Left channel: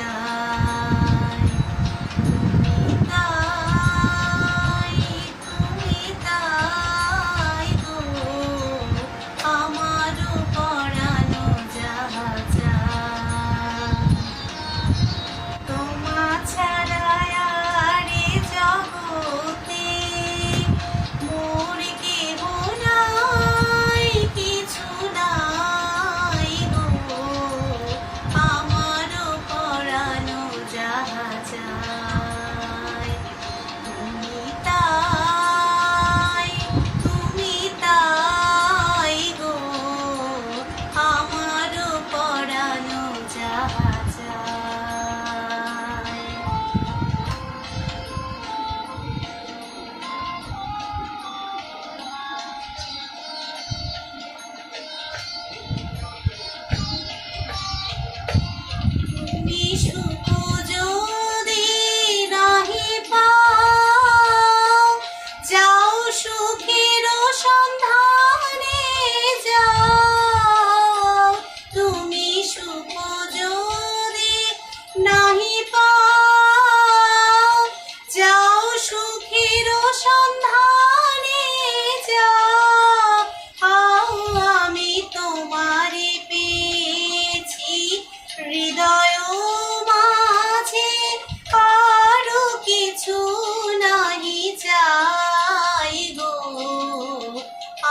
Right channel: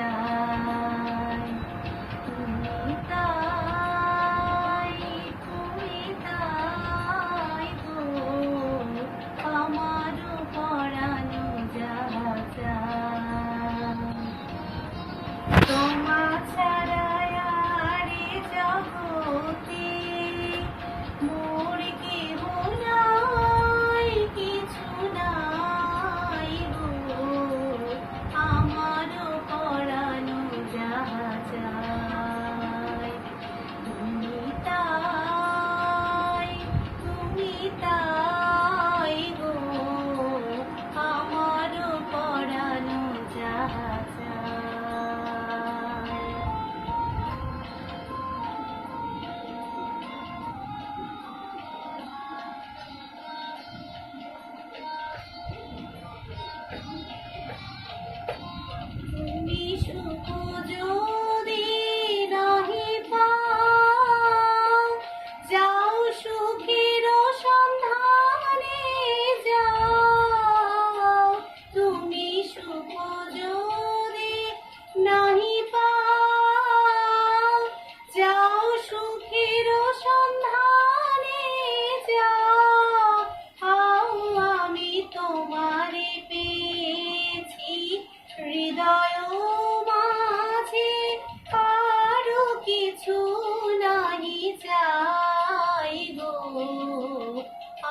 ゃ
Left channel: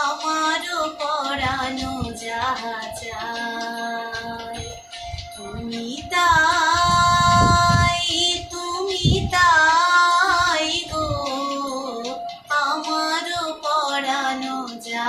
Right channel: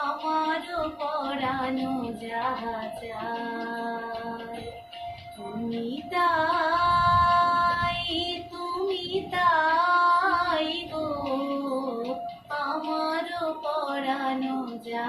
আমারও পরানো যা তুমি তাই তুমি তাই গো আমারও পরানো যা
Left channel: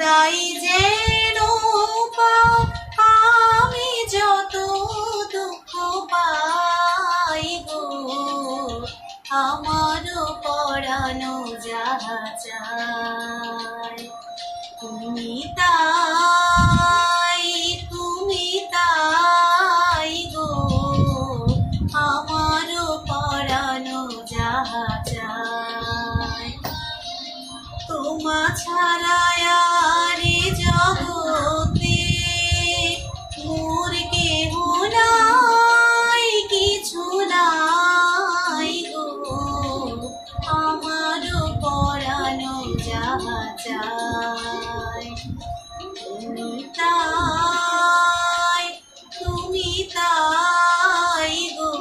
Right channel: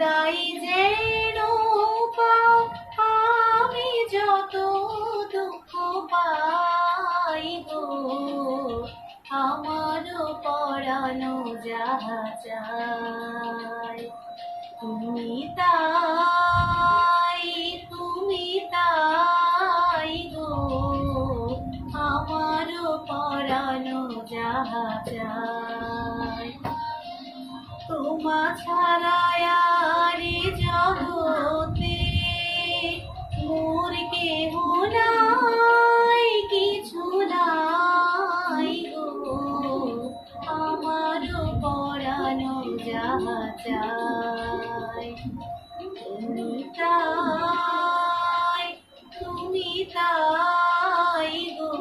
তাই পাও আমি যত দুঃখ পাই গো আমারও পরানো যাহা চাই, তুমি তাই তুমি তাই গো আমারও পরানো যাহা চাই। তোমা ছাড়া তুমি তাই তুমি তাই গো।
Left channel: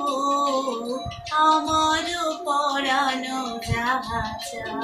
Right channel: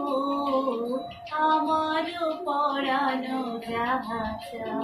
আমার পড়ানো যাহা চাই।